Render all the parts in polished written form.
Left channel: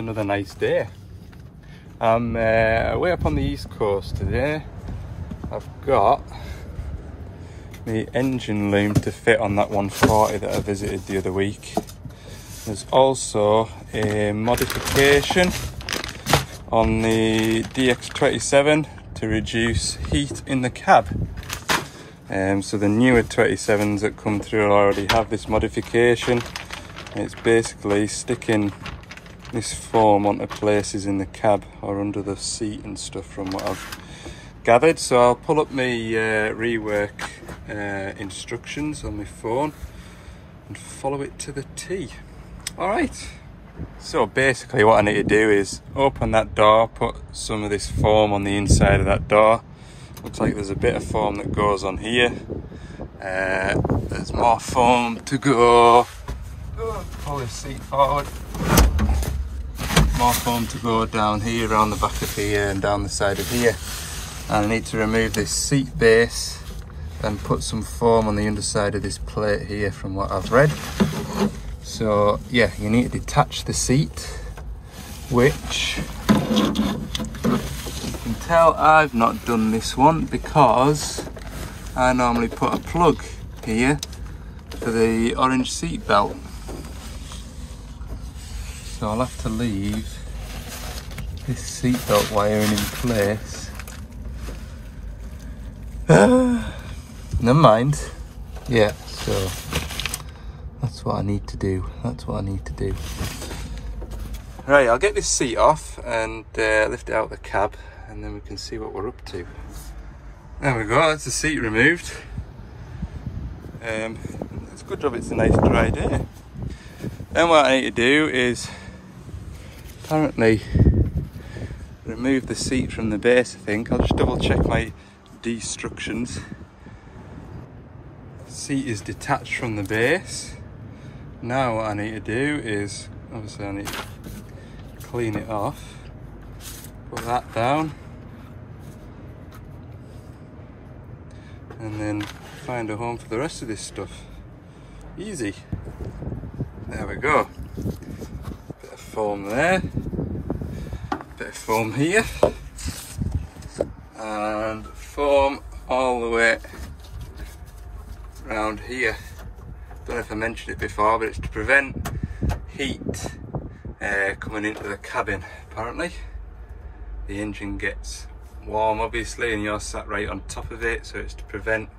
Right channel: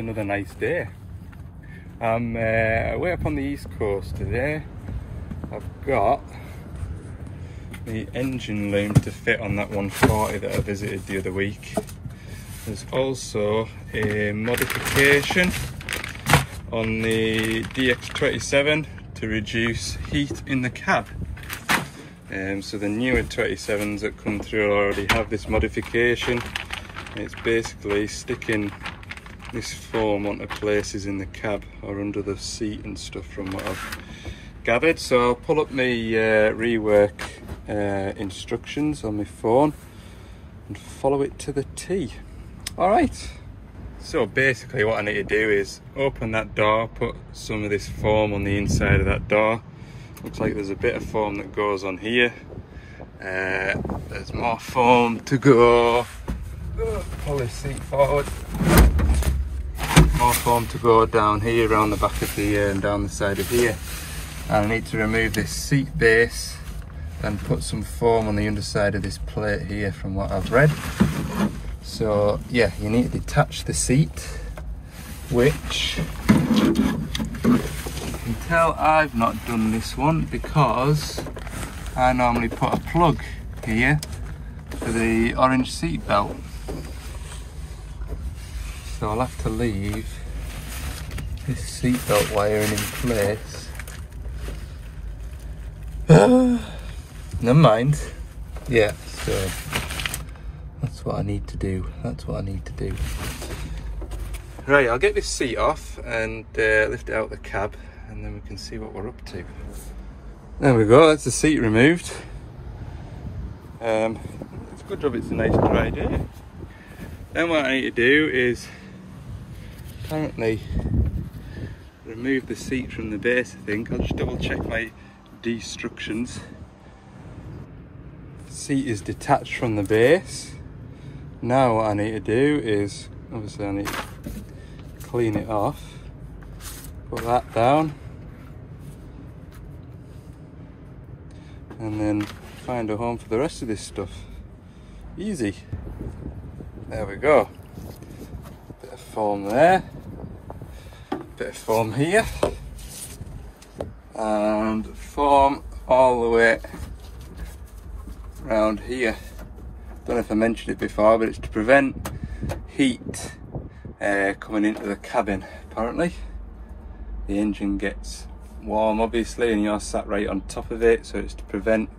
another nice day. I'm way up on the east coast today. I've got the engine loom to fit on that 140 that I visited the other week. There's also a modification on the DX27 to reduce heat in the cab. So the newer 27s that come through already have this modification. It's basically sticking this foam onto places in the cab or under the seat and stuff from what I've gathered. So I'll pull up my rework instructions on my phone and follow it to the T. Alright, so basically what I need to do is open that door, put some of this foam on the inside of that door. Looks like there's a bit of foam that goes on here. There's more foam to go. Pull this seat forward. More foam to go down here, around the back of here and down the side of here. And I need to remove this seat base and put some foam on the underside of this plate here from what I've read. So yeah, you need to detach the seat, which you can tell I've not done this one because I normally put a plug here for the orange seat belt. So I'll have to leave this seat belt wiring in place. Never mind. Yeah, so that's what I need to do. That's what I need to do. Right, I'll get this seat off and lift it out of the cab, and then we can see what we're up to. There we go, that's the seat removed. It's a good job it's a nice dry day. Then what I need to do is apparently remove the seat from the base, I think. I'll just double check my instructions. The seat is detached from the base. Now what I need to do is, obviously I need to clean it off, put that down, and then find a home for the rest of this stuff. Easy. There we go. Bit of foam there, bit of foam here, and foam all the way around here. Don't know if I mentioned it before, but it's to prevent heat coming into the cabin. Apparently the engine gets warm obviously and you're sat right on top of it, so it's to prevent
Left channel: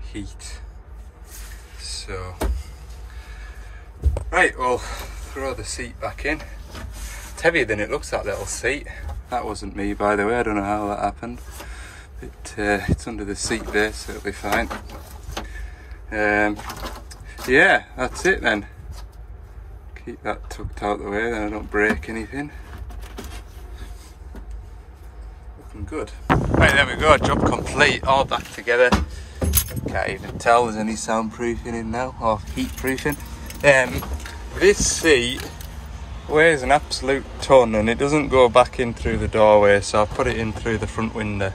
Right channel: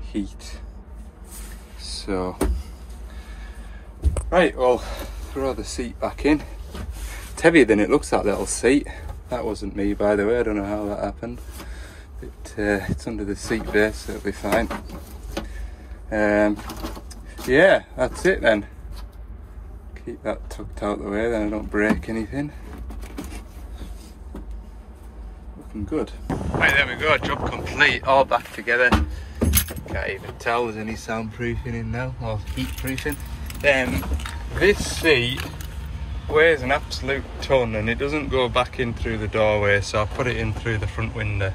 heat. So right, well, throw the seat back in. It's heavier than it looks, that little seat. That wasn't me, by the way, I don't know how that happened. It's under the seat base, so it'll be fine. Yeah, that's it then. Keep that tucked out the way, then I don't break anything. Looking good. Right, there we go, job complete, all back together. Can't even tell there's any soundproofing in now, or heat proofing. This seat weighs an absolute ton and it doesn't go back in through the doorway, so I put it in through the front window.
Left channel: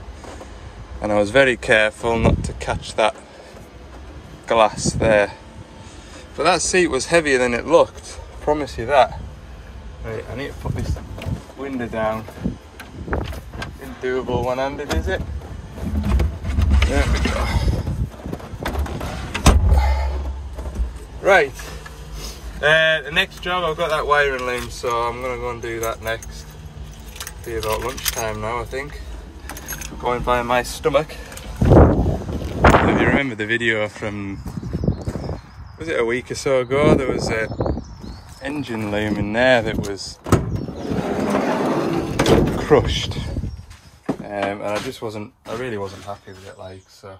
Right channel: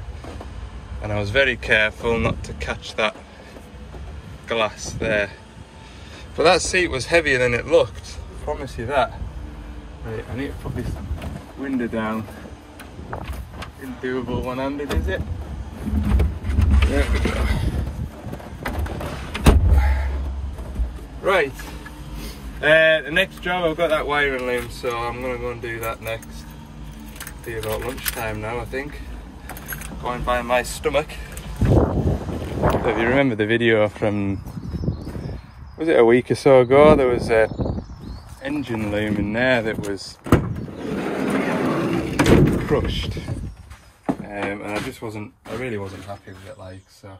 And I was very careful not to catch that glass there. But that seat was heavier than it looked, I promise you that. Right, I need to put this window down. Isn't doable one-handed, is it? There we go. Right, the next job, I've got that wiring loom, so I'm going to go and do that next. Be about lunchtime now, I think. Going by my stomach. So if you remember the video from, was it a week or so ago, there was a engine loom in there that was crushed. And I really wasn't happy with it, like, so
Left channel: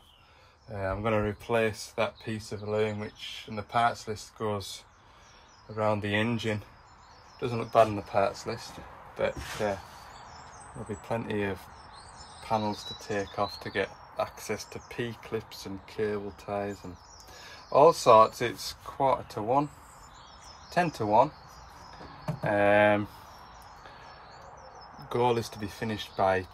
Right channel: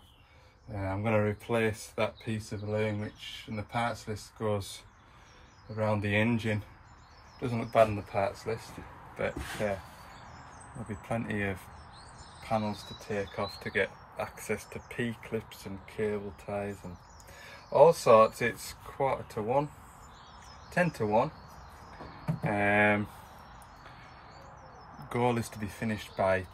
I'm going to replace that piece of loom, which in the parts list goes around the engine. Doesn't look bad in the parts list, but there'll be plenty of panels to take off to get access to P-clips and cable ties and all sorts. It's 1:45, 10 to 1. Goal is to be finished by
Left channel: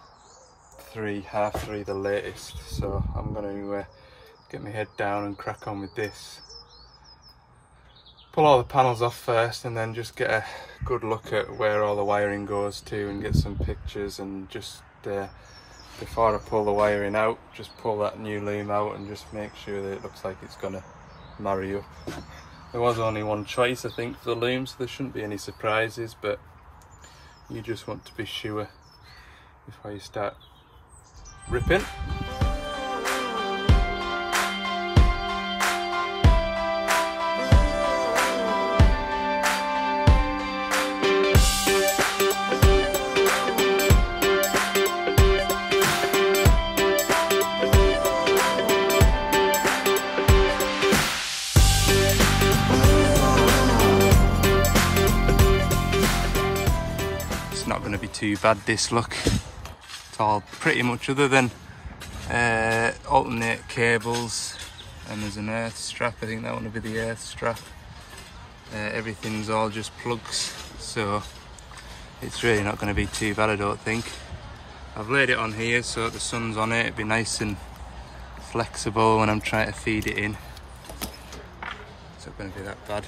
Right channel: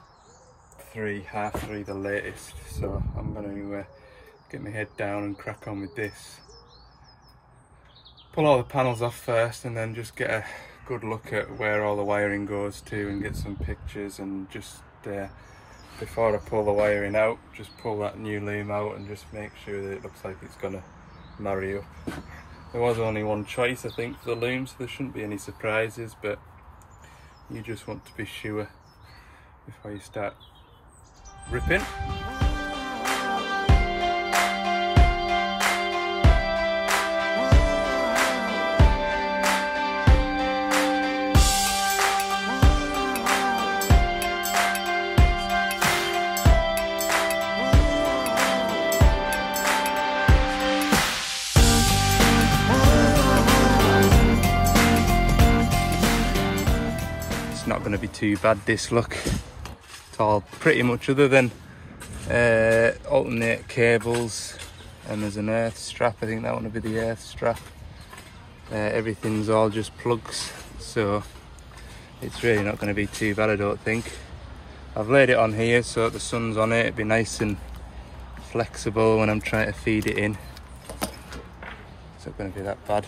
3, half 3 the latest, so I'm going to get my head down and crack on with this. Pull all the panels off first and then just get a good look at where all the wiring goes to and get some pictures, and just before I pull the wiring out, just pull that new loom out and just make sure that it looks like it's gonna marry up. There was only one choice, I think, for the loom, so there shouldn't be any surprises, but you just want to be sure before you start ripping. Not going to be too bad, this look. It's all pretty much, other than alternate cables, and there's an earth strap. I think that one will be the earth strap. Everything's all just plugs, so it's really not going to be too bad, I don't think. I've laid it on here so the sun's on it. It'd be nice and flexible when I'm trying to feed it in. It's not going to be that bad.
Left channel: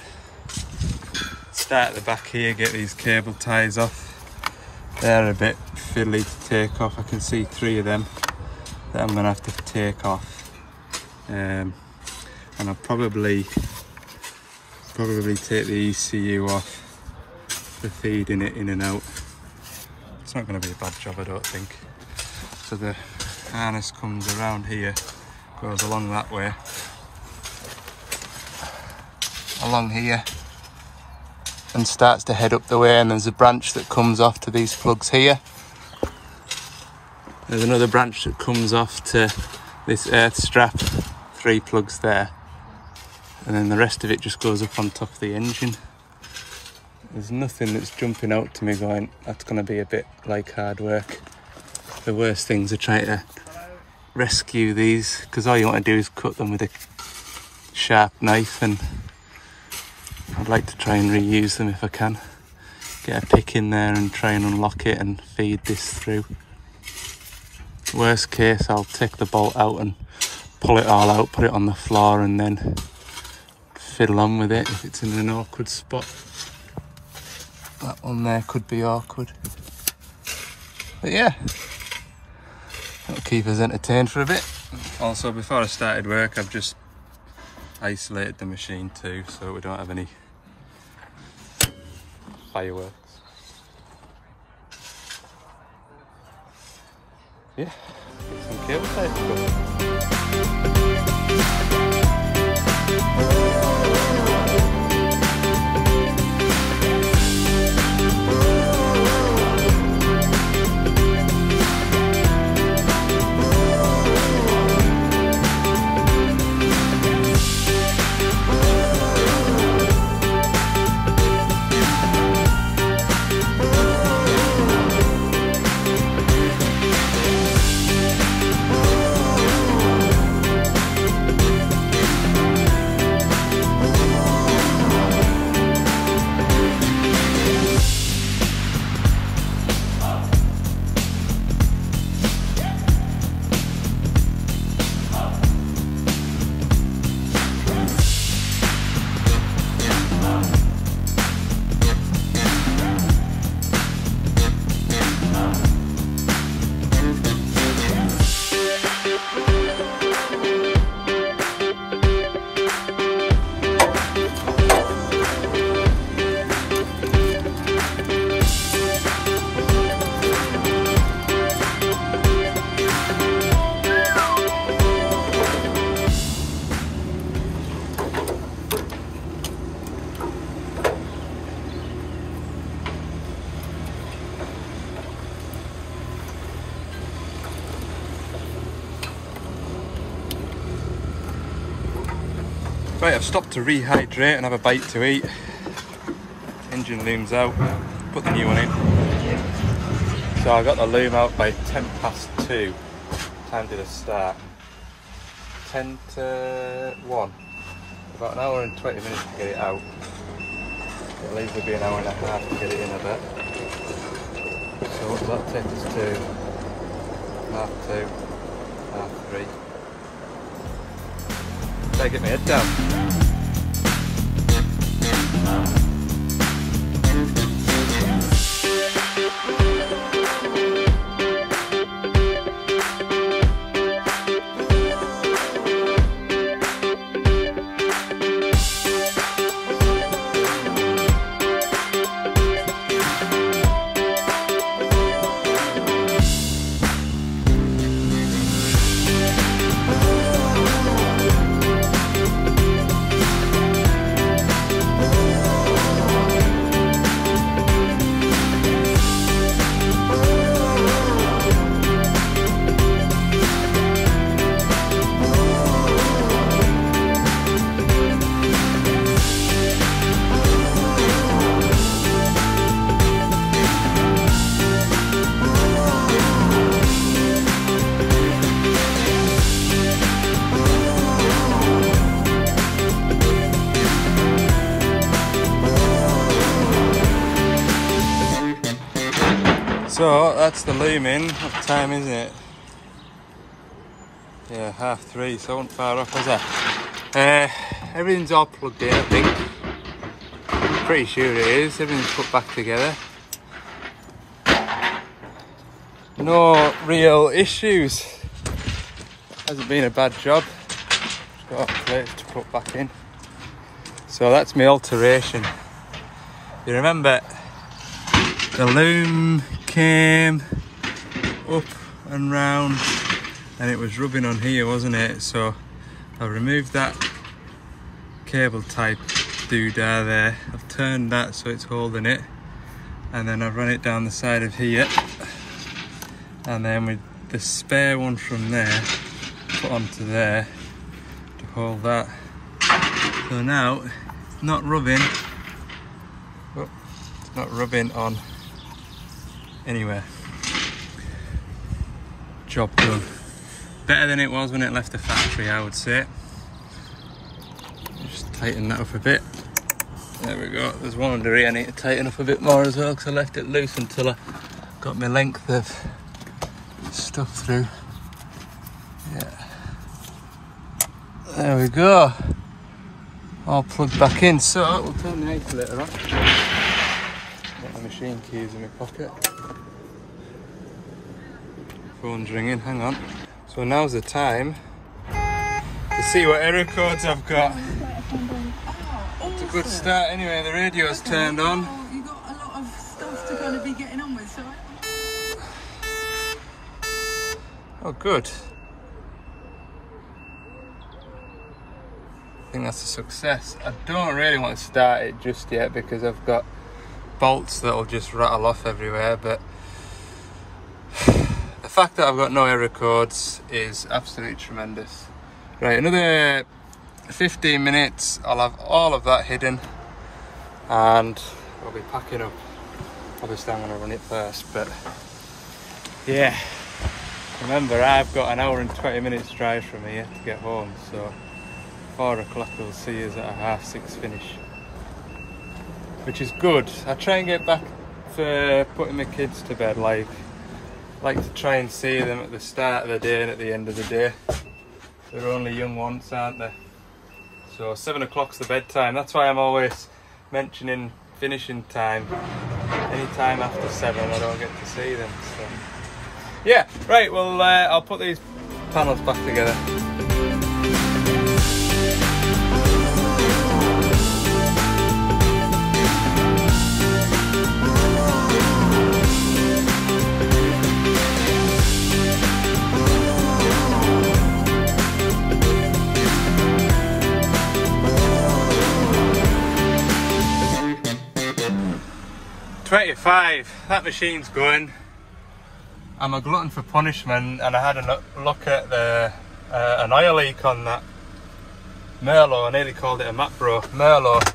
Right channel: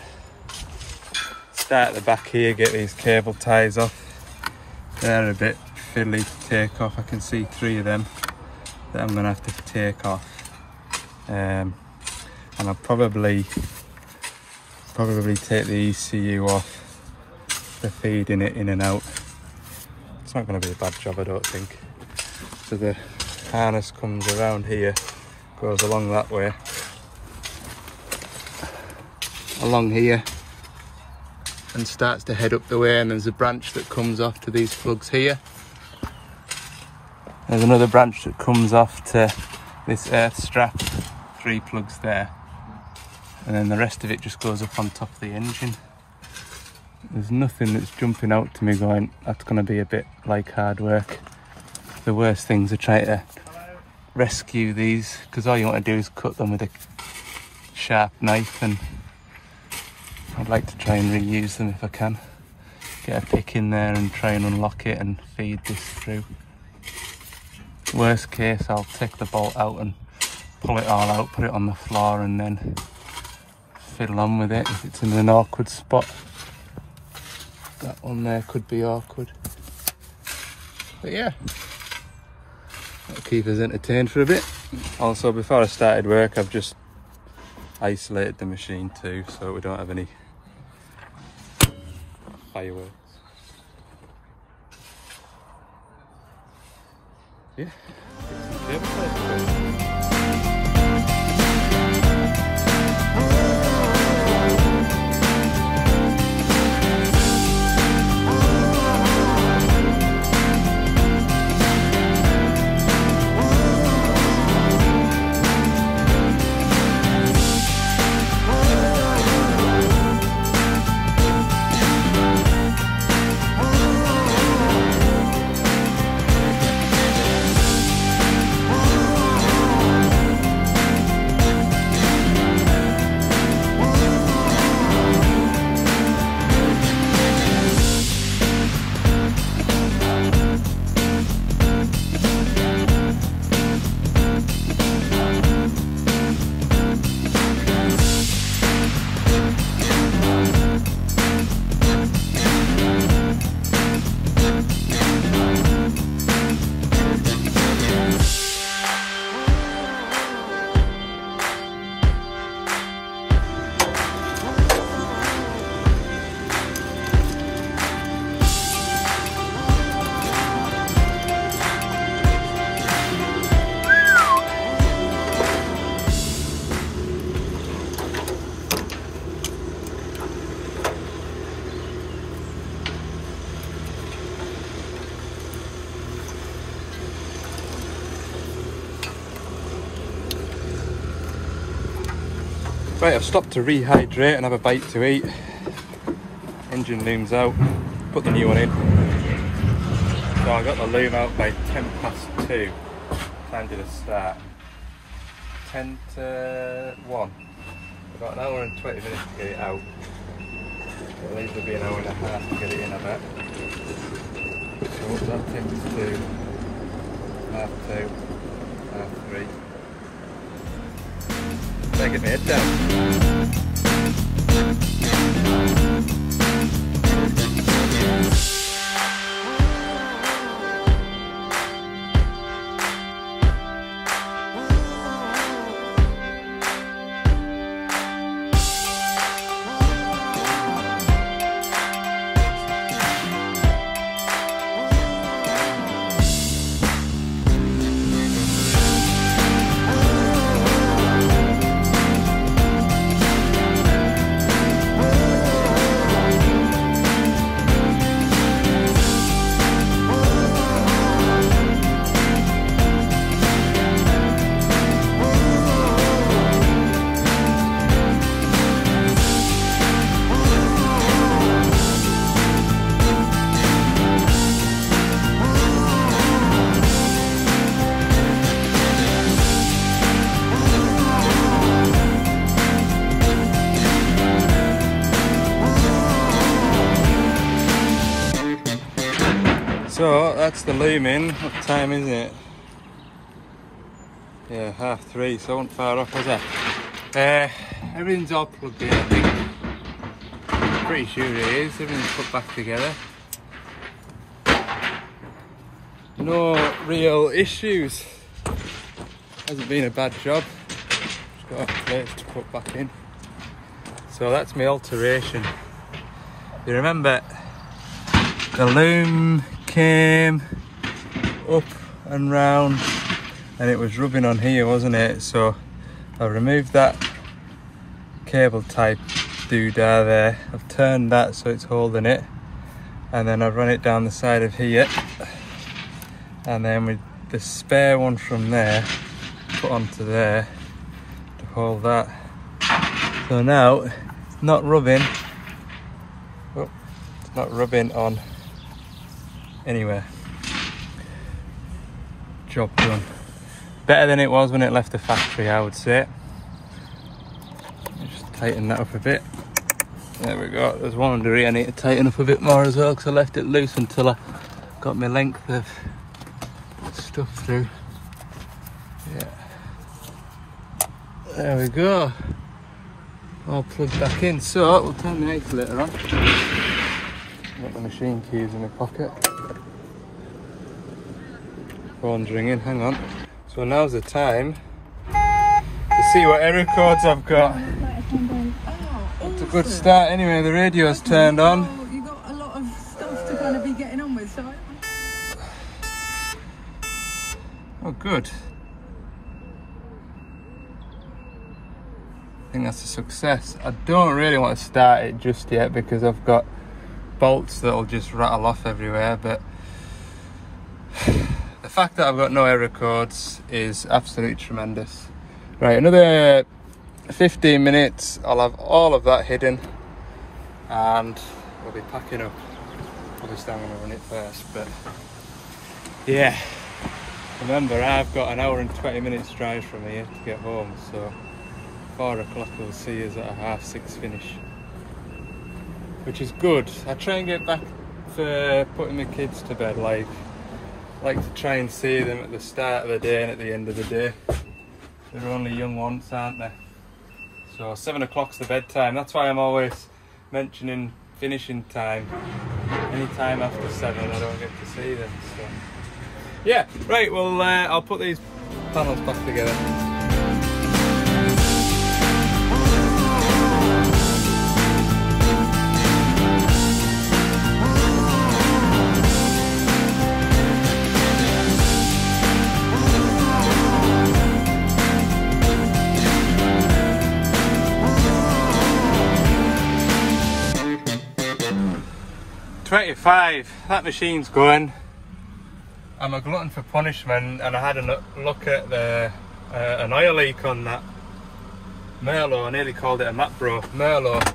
Start at the back here, get these cable ties off. They're a bit fiddly to take off. I can see 3 of them that I'm going to have to take off, and I'll probably take the ECU off for feeding it in and out. It's not going to be a bad job, I don't think. So the harness comes around here, goes along that way, along here, and starts to head up the way, and there's a branch that comes off to these plugs here. There's another branch that comes off to this earth strap, 3 plugs there, and then the rest of it just goes up on top of the engine. There's nothing that's jumping out to me going, that's going to be a bit like hard work. The worst things are trying to rescue these, because all you want to do is cut them with a sharp knife, and I'd like to try and reuse them if I can. Get a pick in there and try and unlock it and feed this through. Worst case, I'll take the bolt out and pull it all out, put it on the floor, and then fiddle on with it if it's in an awkward spot. That one there could be awkward. But yeah, that'll keep us entertained for a bit. Also, before I started work, I've just isolated the machine too, so we don't have any fireworks. Yeah, some cable ties. Right, I've stopped to rehydrate and have a bite to eat. Engine loom's out, put the new one in. So I got the loom out by 2:10. Time did I start? 10 to 1. About an hour and 20 minutes to get it out. It'll easily be an hour and a half to get it in, I bet. So what does that take us to? 2:30, 3:30. Better get my head down. So that's the loom in. What time is it? Yeah, 3:30, so I wasn't far off, was I? Everything's all plugged in, I think. Pretty sure it is. Everything's put back together. No real issues. Hasn't been a bad job. Got plates to put back in. So that's my alteration. You remember the loom came up and round and it was rubbing on here, wasn't it? So I removed that cable type doodah there. I've turned that so it's holding it, and then I've run it down the side of here, and then with the spare one from there put onto there to hold that. So now it's not rubbing. Oh, it's not rubbing on anywhere. Job done. Better than it was when it left the factory, I would say. Just tighten that up a bit. There we go. There's one under here I need to tighten up a bit more as well, because I left it loose until I got my length of stuff through. Yeah. There we go. All plugged back in. So we'll turn the ignitor on. Get the machine keys in my pocket. Phone's ringing, hang on. So now's the time to see what error codes I've got. It's a good start anyway, the radio's turned on. You've got a lot of stuff to kind of be getting on with, so... Oh, good. I think that's a success. I don't really want to start it just yet because I've got bolts that'll just rattle off everywhere, but the fact that I've got no error codes is absolutely tremendous. Right, another 15 minutes, I'll have all of that hidden and we'll be packing up. Obviously I'm going to run it first, but yeah. Remember, I've got an hour and 20 minutes drive from here to get home, so 4 o'clock will see us at a 6:30 finish, which is good. I try and get back for putting my kids to bed, like to try and see them at the start of the day and at the end of the day. They're only young once, aren't they? So 7 o'clock's the bedtime. That's why I'm always mentioning finishing time. Any time after 7 I don't get to see them, so yeah. Right, well I'll put these panels back together. That machine's going. I'm a glutton for punishment, and I had a look at the an oil leak on that Merlot. I nearly called it a Mapbro Merlot.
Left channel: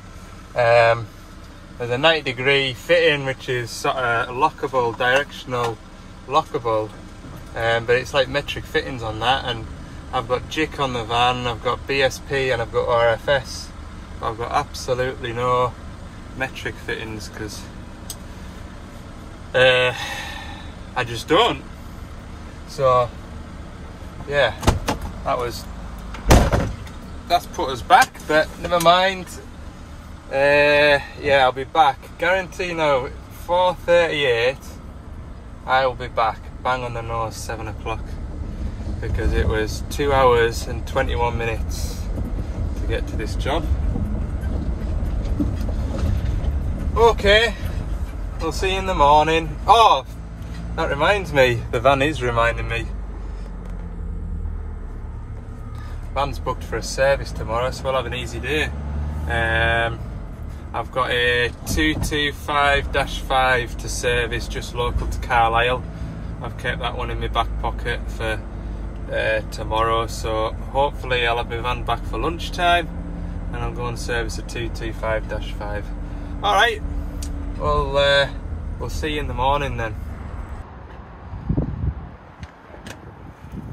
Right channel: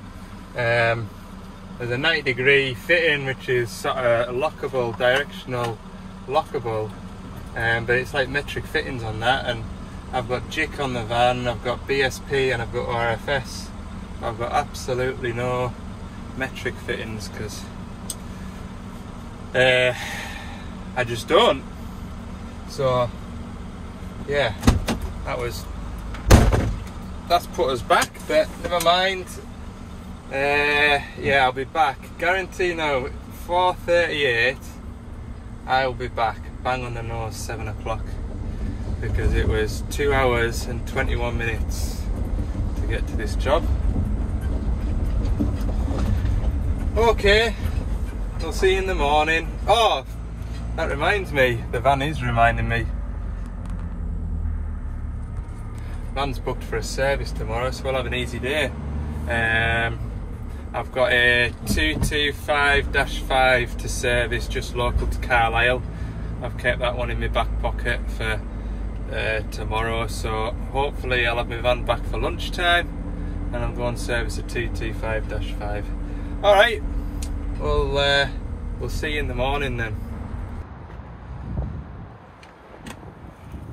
There's a 90-degree fitting which is sort of lockable, directional lockable, but it's like metric fittings on that, and I've got JIC on the van, I've got BSP and I've got RFS. I've got absolutely no metric fittings because I just don't. So yeah, that's put us back, but never mind. Yeah, I'll be back. Guarantee now, 4:38 I will be back, bang on the nose, 7 o'clock, because it was 2 hours and 21 minutes to get to this job. Okay, we'll see you in the morning. Oh, that reminds me, the van is reminding me. Van's booked for a service tomorrow, so we'll have an easy day. I've got a 225-5 to service just local to Carlisle. I've kept that one in my back pocket for tomorrow, so hopefully I'll have my van back for lunchtime and I'll go and service a 225-5. Alright, we'll see you in the morning then.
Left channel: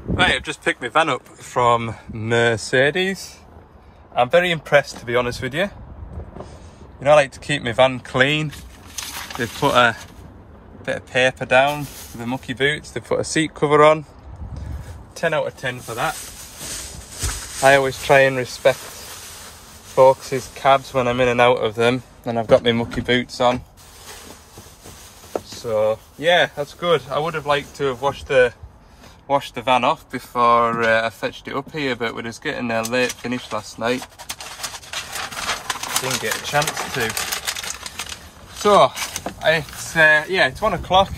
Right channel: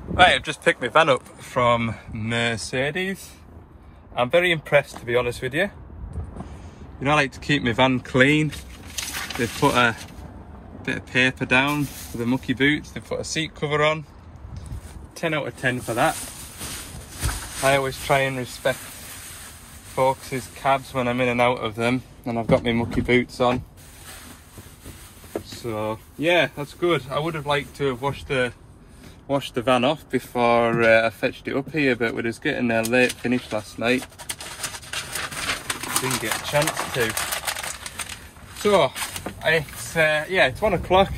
Right, I've just picked my van up from Mercedes. I'm very impressed, to be honest with you. You know, I like to keep my van clean. They've put a bit of paper down for the mucky boots to put a seat cover on. 10 out of 10 for that. I always try and respect folks' cabs when I'm in and out of them, and I've got my mucky boots on. So yeah, that's good. I would have liked to have washed the van off before I fetched it up here, but we was getting a late finish last night. Didn't get a chance to. So it's 1 o'clock.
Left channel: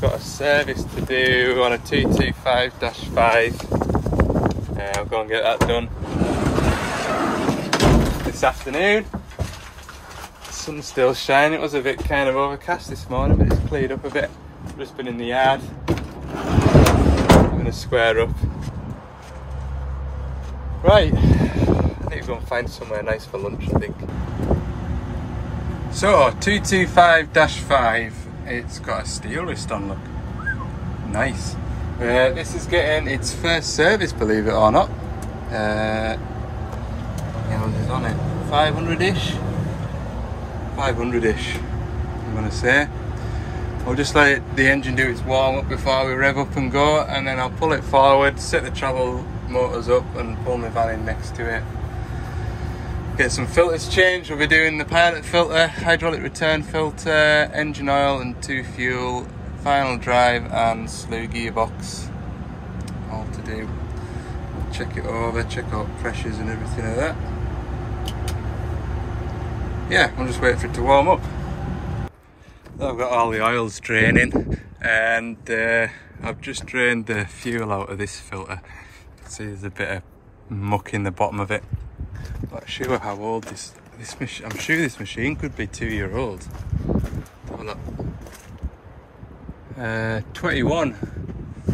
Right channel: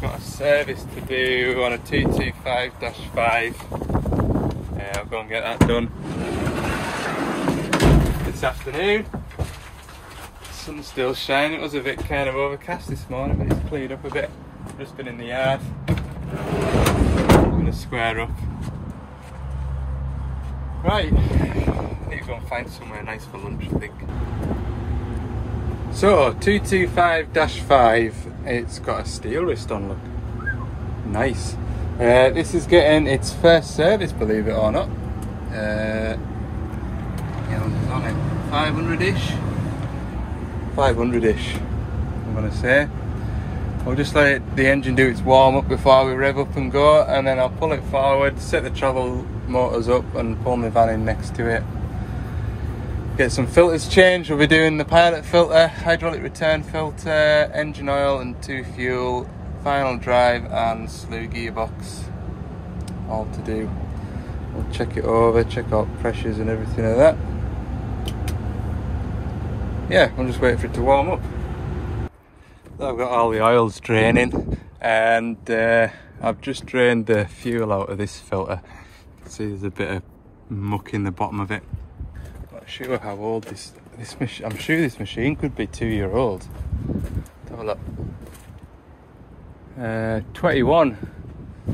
Got a service to do on a 225-5. I'll go and get that done this afternoon. Sun's still shining. It was a bit kind of overcast this morning, but it's cleared up a bit. Just been in the yard. I'm gonna square up. Right, I need to go and find somewhere nice for lunch, I think. So 225-5, it's got a steel wrist on, look. Nice. This is getting its first service, believe it or not. What is on it? 500-ish? 500-ish, I'm gonna say. I'll just let the engine do its warm up before we rev up and go, and then I'll pull it forward, set the travel motors up and pull my van in next to it. Get some filters changed. We'll be doing the pilot filter, hydraulic return filter, engine oil and 2 fuel, final drive and slew gearbox, all to do. We'll check it over, check out pressures and everything like that. Yeah, I'll just wait for it to warm up. I've got all the oils draining, and I've just drained the fuel out of this filter. You can see there's a bit of muck in the bottom of it. I'm not sure how old this machine. I'm sure this machine could be 2 year old. Have a look. 21,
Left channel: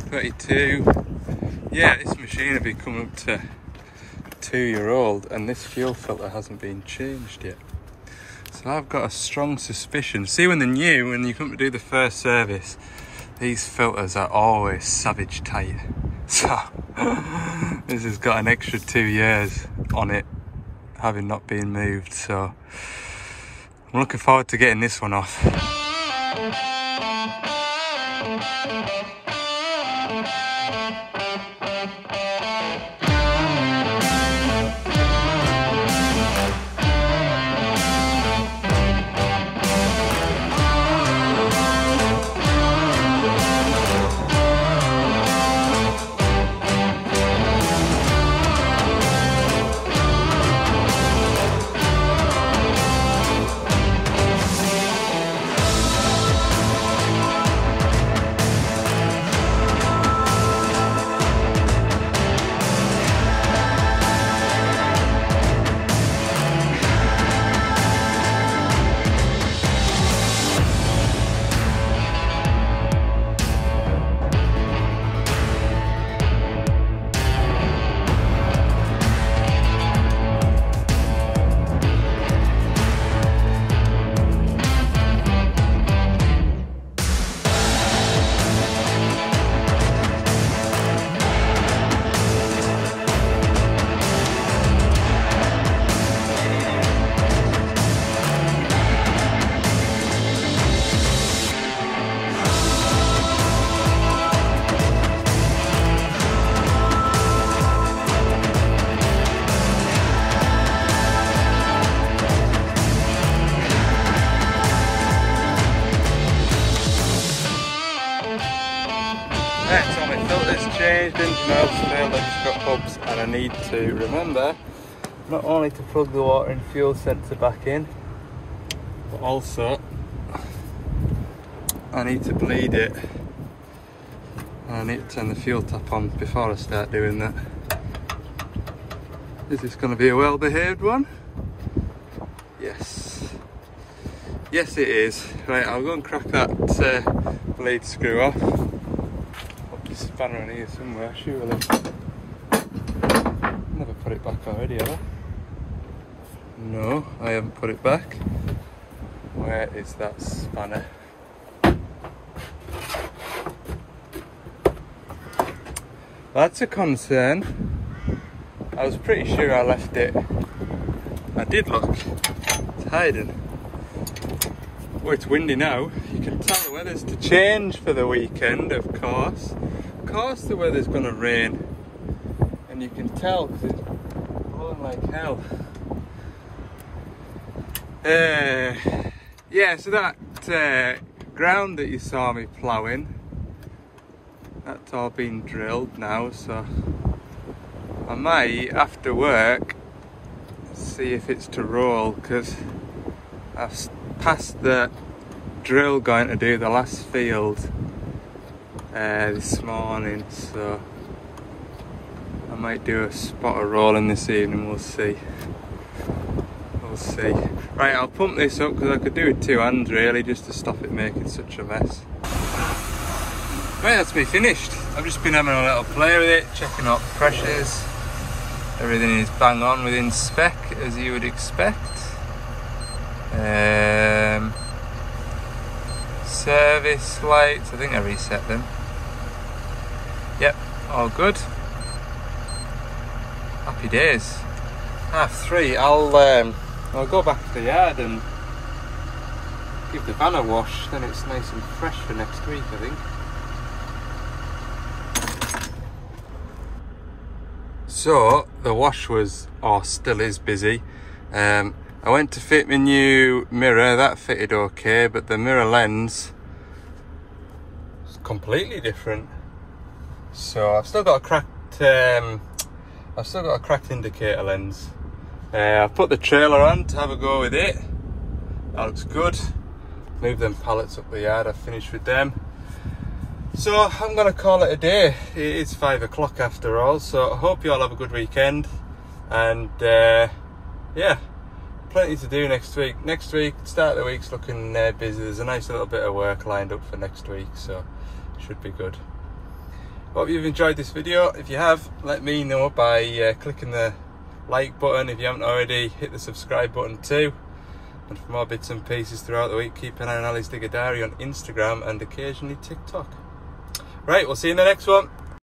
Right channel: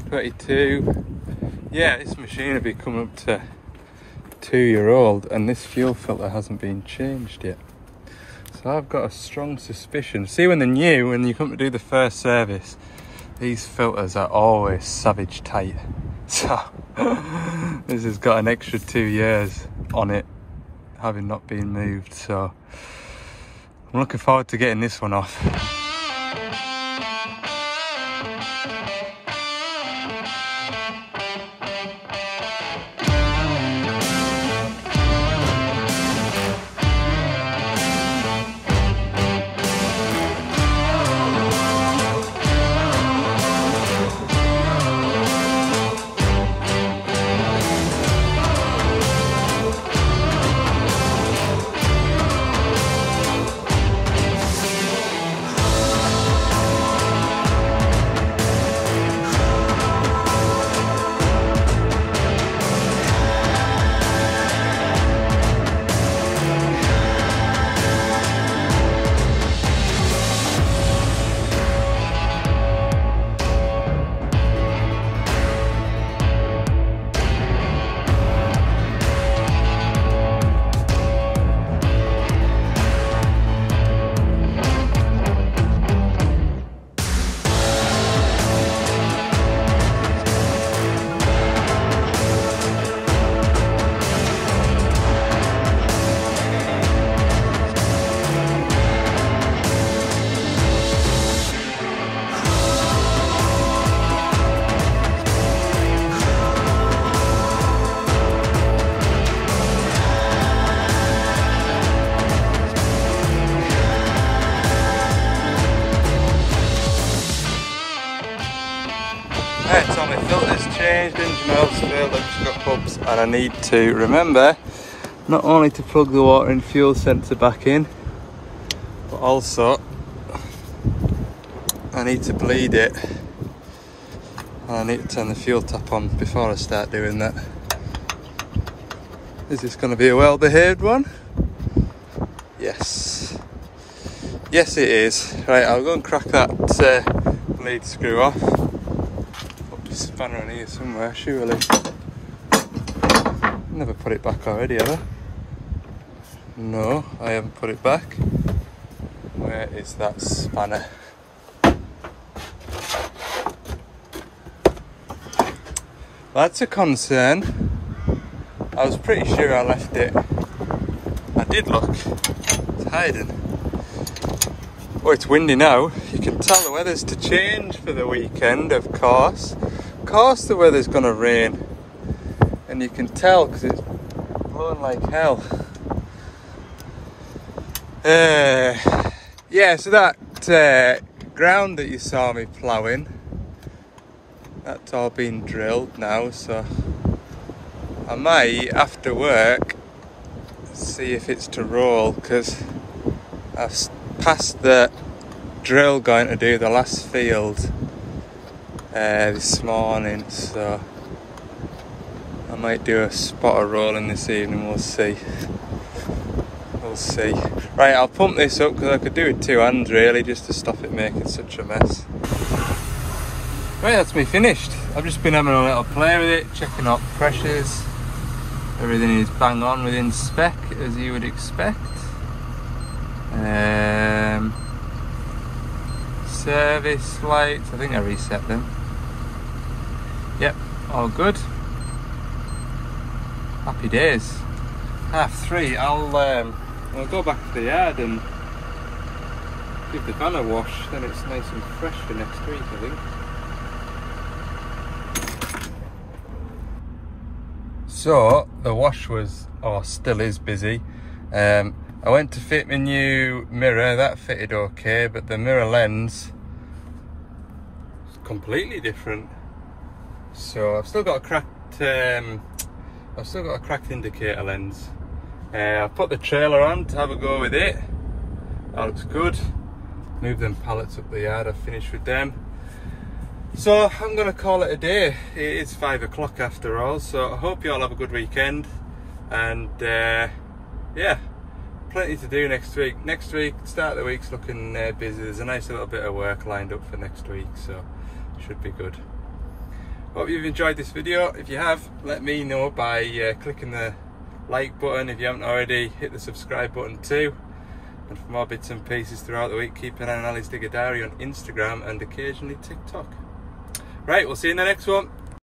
22. Yeah, this machine will be coming up to 2 year old, and this fuel filter hasn't been changed yet. So I've got a strong suspicion. See, when they're new, when you come to do the first service, these filters are always savage tight. So this has got an extra 2 years on it, having not been moved. So I'm looking forward to getting this one off. Right, so my filter's changed, engine oil's failed, I've just got hubs, and I need to remember not only to plug the water and fuel sensor back in, but also I need to bleed it. I need to turn the fuel tap on before I start doing that. Is this going to be a well-behaved one? Yes. Yes it is. Right, I'll go and crack that bleed screw off. Put this spanner on here somewhere, surely. Never put it back already, have I? No, I haven't put it back. Where is that spanner? That's a concern. I was pretty sure I left it. I did look. It's hiding. Oh, it's windy now. You can tell the weather's to change for the weekend, of course. Of course the weather's gonna rain. And you can tell because it's blowing like hell. Yeah, so that ground that you saw me ploughing, that's all been drilled now, so I might, after work, see if it's to roll, because I've passed the drill going to do the last field this morning, so I might do a spot of rolling this evening. We'll see. We'll see. Right, I'll pump this up because I could do it with two hands really, just to stop it making such a mess. Right, that's me finished. I've just been having a little play with it, checking out pressures. Everything is bang on within spec, as you would expect. Service lights, I think I reset them. Yep, all good. Happy days. 3:30. I'll go back to the yard and give the van a wash. Then it's nice and fresh for next week, I think. So the wash was, or still is, busy. I went to fit my new mirror. That fitted okay, but the mirror lens is completely different. So I've still got a cracked indicator lens. I've put the trailer on to have a go with it. That looks good. Move them pallets up the yard. I've finished with them. So I'm gonna call it a day. It's 5 o'clock after all, so I hope you all have a good weekend. And yeah, plenty to do next week. Next week, start of the week's looking busy. There's a nice little bit of work lined up for next week, so should be good. Hope you've enjoyed this video. If you have, let me know by clicking the like button. If you haven't already, hit the subscribe button too. And for more bits and pieces throughout the week, keep an eye on Ali's Digger Diary on Instagram and occasionally TikTok. Right, we'll see you in the next one.